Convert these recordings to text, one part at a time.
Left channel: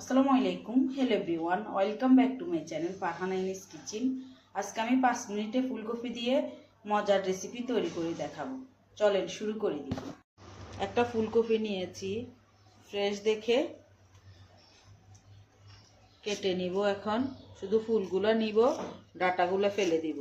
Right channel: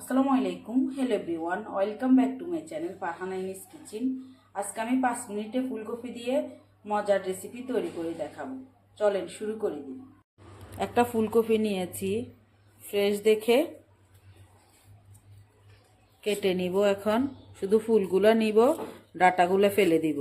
আসসালামু আলাইকুম। Hello everyone, welcome back to my channel Farhana ইনিস কিচেন। আজকে আমি 5 মিনিটে ফুলকপি দিয়ে মজার রেসিপি তৈরি করে দেখাবো। চলেন শুরু করে দিই। একটা ফুলকপি নিয়েছি, ফ্রেশ দেখে কেটে নিব। এখন শুধু ফুলগুলো নিব, ডাঁটাগুলো ফেলে দিব।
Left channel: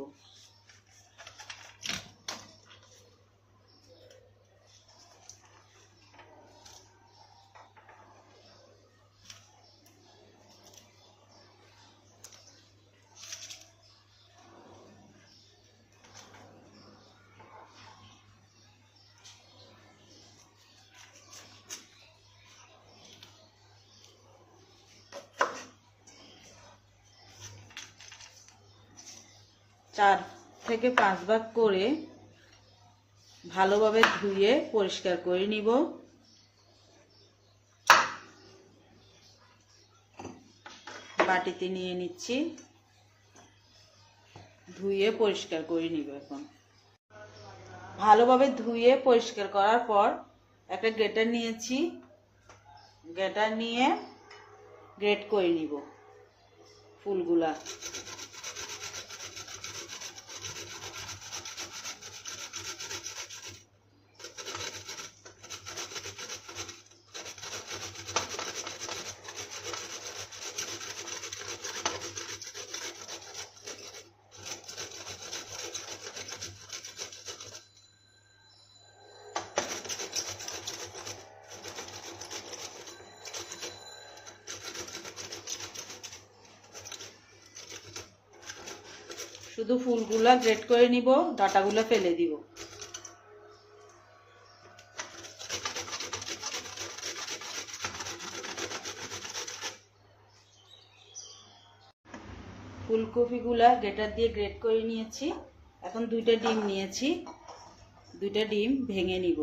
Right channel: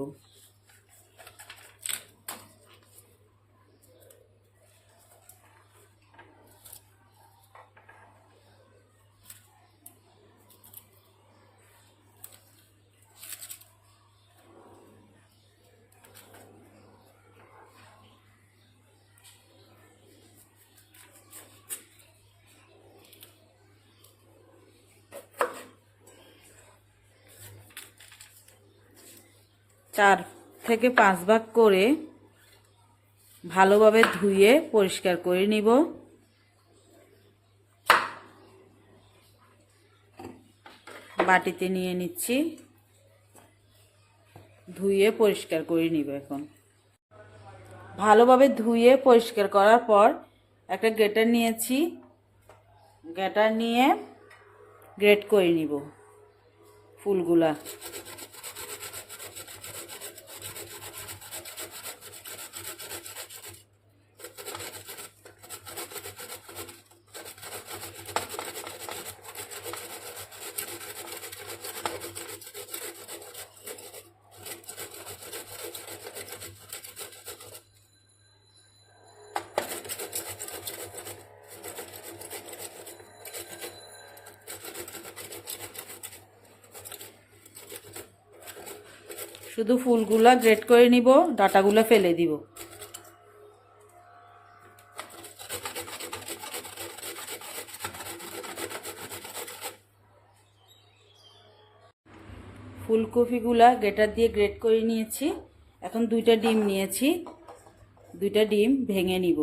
চার থেকে 5 ভাগ করে ভালোভাবে ধুয়ে পরিষ্কার করে নিব। বাটিতে নিয়ে নিচ্ছি, ধুয়ে পরিষ্কার করে নিব। এখন ভালোভাবে ধুয়ে পরিষ্কার করার পর একটা গ্রেটার নিয়েছি, গ্রেটার নিয়ে গ্রেট করে নিব ফুলগুলা। শুধু ফুলগুলা গ্রেট করে নিব, ডাঁটাগুলো ফেলে দিব। ফুলকপিগুলা গ্রেটার দিয়ে গ্রেট করে নিয়েছি। এখন 2টা ডিম নিয়েছি, 2টা ডিম ভেঙে নিব।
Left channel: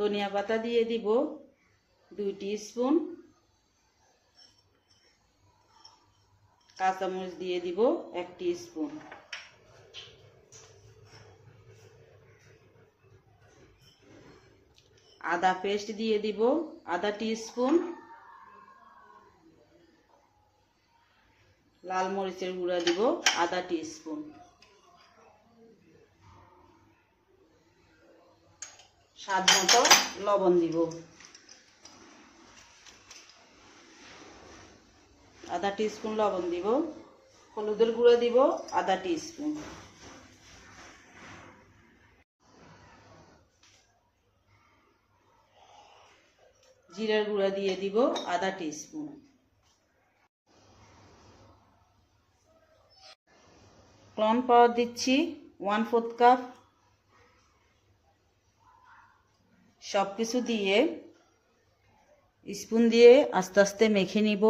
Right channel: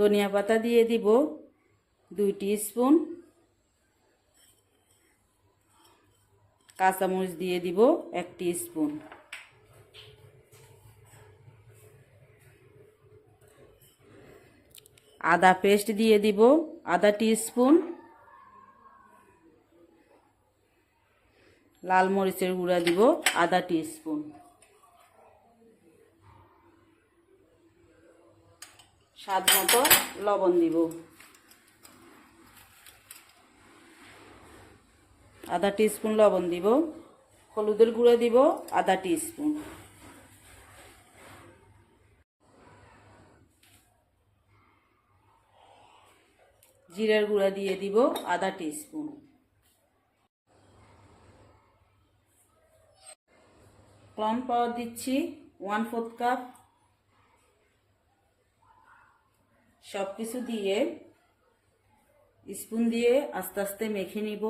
ধনিয়া পাতা দিয়ে দিব 2 টিস্পুন, কাঁচামরিচ দিয়ে দিব 1 টিস্পুন, আদা পেস্ট দিয়ে দিব আধা টিস্পুন, লাল মরিচের গুঁড়া দিব আধা টিস্পুন, স্বাদ মতো লবণ দিব আধা টিস্পুন লবণ দিব, হলুদের গুঁড়া দিব আধা টিস্পুন, জিরার গুঁড়া দিয়ে দিব আধা টিস্পুন, কর্নফ্লাওয়ার দিচ্ছি 1/4 কাপ। সব কিছু দিয়ে স্পুন দিয়ে আস্তে আস্তে মেখে নিব।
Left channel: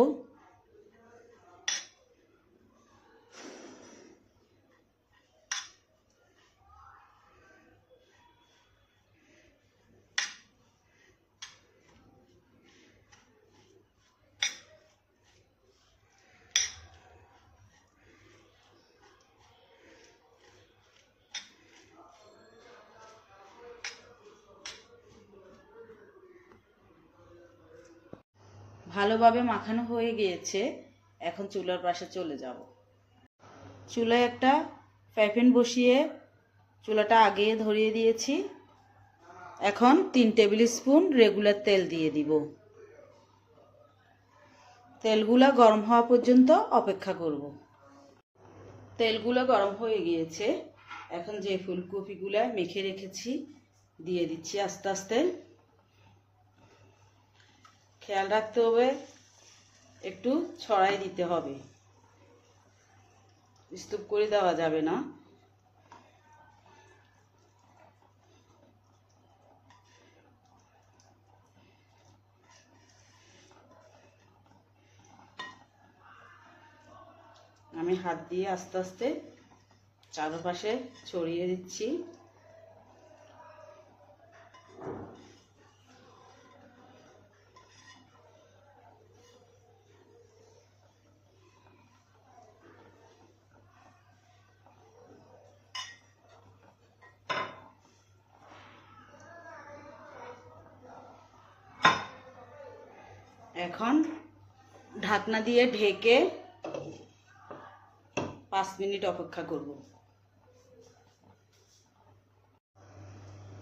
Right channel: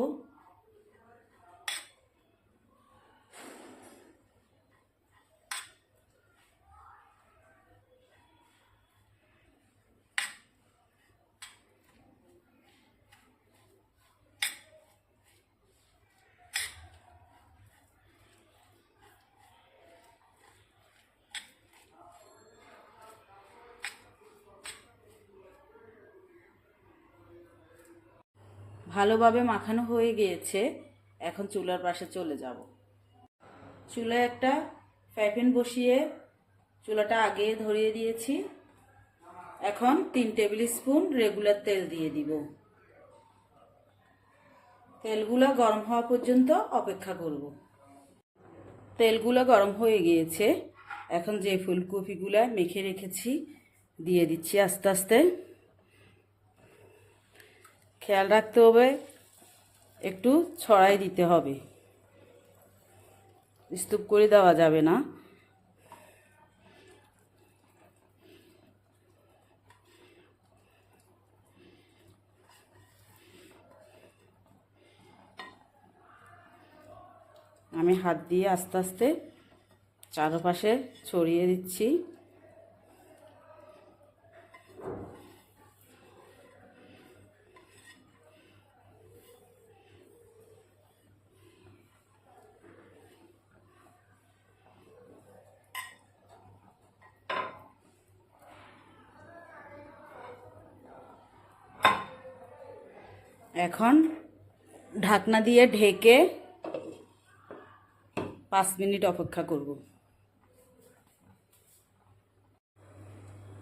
ভালোভাবে মাখানো হয়ে গিয়েছে, এখন চুলার পাশে চলে যাব। চুলায় একটা ফ্রাই প্যান বসিয়ে চুলাটা আগে ধরিয়ে দিয়েছি। এখন 3 টেবিল স্পুন রেগুলার তেল দিয়ে দিব। তেলগুলা গরম হওয়া পর্যন্ত অপেক্ষা করব। তেলগুলো গরম হয়ে গিয়েছে, এখন যে ফুলকপিগুলা মেখে রেখেছি দিয়ে দিচ্ছি আস্তে আস্তে। খেয়াল রাখতে হবে, একটু ছড়াই দিতে হবে, স্তূপ করে দেওয়া যাবে না। আমি হাত দিয়ে আস্তে আস্তে চারপাশে ছড়িয়ে দিচ্ছি। এখন ঢাকনা দিয়ে ঢেকে 5 মিনিট অপেক্ষা করব।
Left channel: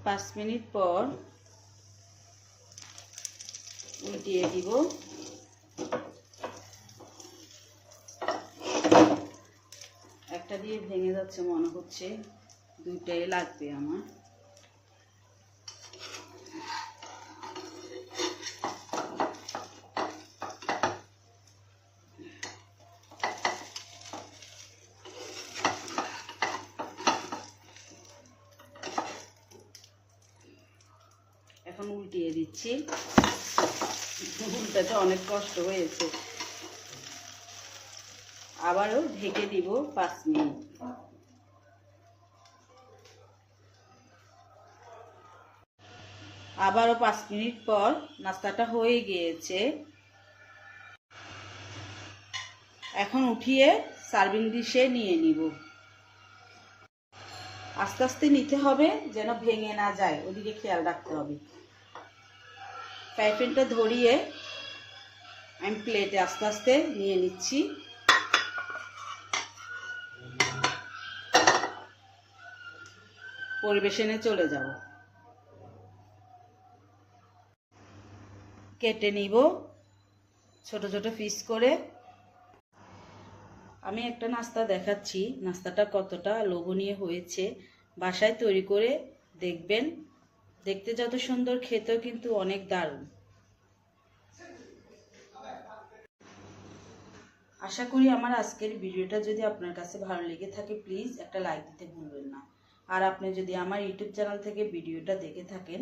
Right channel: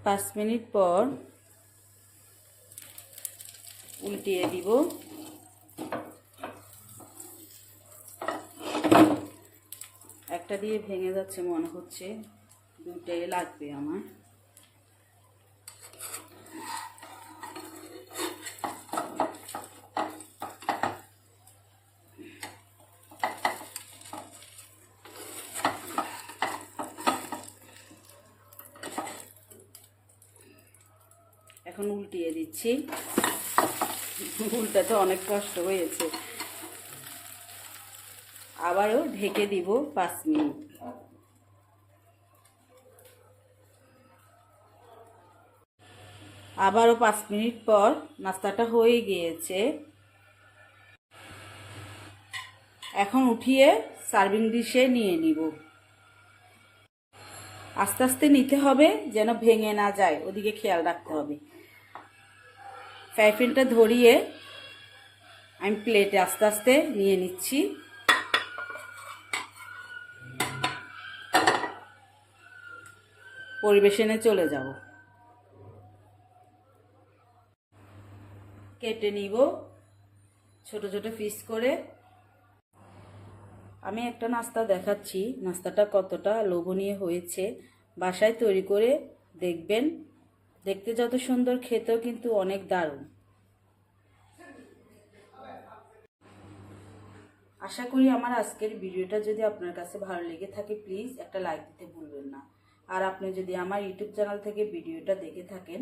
5 মিনিট পর উল্টিয়ে দিব। একটা দিয়ে ভেঙে যাচ্ছে মনে হচ্ছে, দুটাই লাগবে আমার। এখন উল্টিয়ে দিচ্ছি, উল্টাতে অনেক কষ্ট হয়েছে। আবারও ঢেকে দিব 5 মিনিট। আবারও 5 মিনিট পর নাস্তাটা হয়ে গিয়েছে। এখন উঠিয়ে সার্ভিং ডিশে নিয়ে নিব। আস্তে আস্তে নিতে হবে যেন ভেঙে না যায়, ওদিকে খেয়াল রাখতে হবে। ফ্রাই প্যানটা ধরিয়ে আমি প্লেটে আস্তে আস্তে নিয়ে নিচ্ছি। পরিবেশনে চলে যাব। কেটে নিব ছোট ছোট পিস করে। আমি একটা নাস্তা দেখাচ্ছি, নাস্তাটা কতটা লোভনীয় হয়েছে। বাসায় তৈরি করে দেখবেন, দেখতে যত সুন্দর, খেতেও কিন্তু অনেক দারুণ। আশা করি আমার আজকের ভিডিওটা যদি আপনার কাছে ভালো লেগে থাকে, প্লিজ একটা লাইক দিতে ভুলবেন না। আর আপনি যদি আমার ইউটিউব চ্যানেল থেকে ভিডিওটা দেখে থাকেন,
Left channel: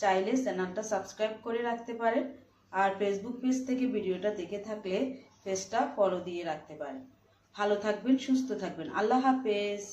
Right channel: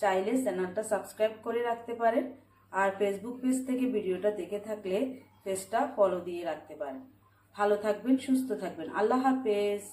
চাইলে চ্যানেলটা সাবস্ক্রাইব করে রাখতে পারেন। আর ফেসবুক পেজ থেকে ভিডিওটা দেখে থাকলে পেজটা ফলো দিয়ে রাখতে পারেন। ভালো থাকবেন, সুস্থ থাকবেন। আল্লাহ হাফেজ।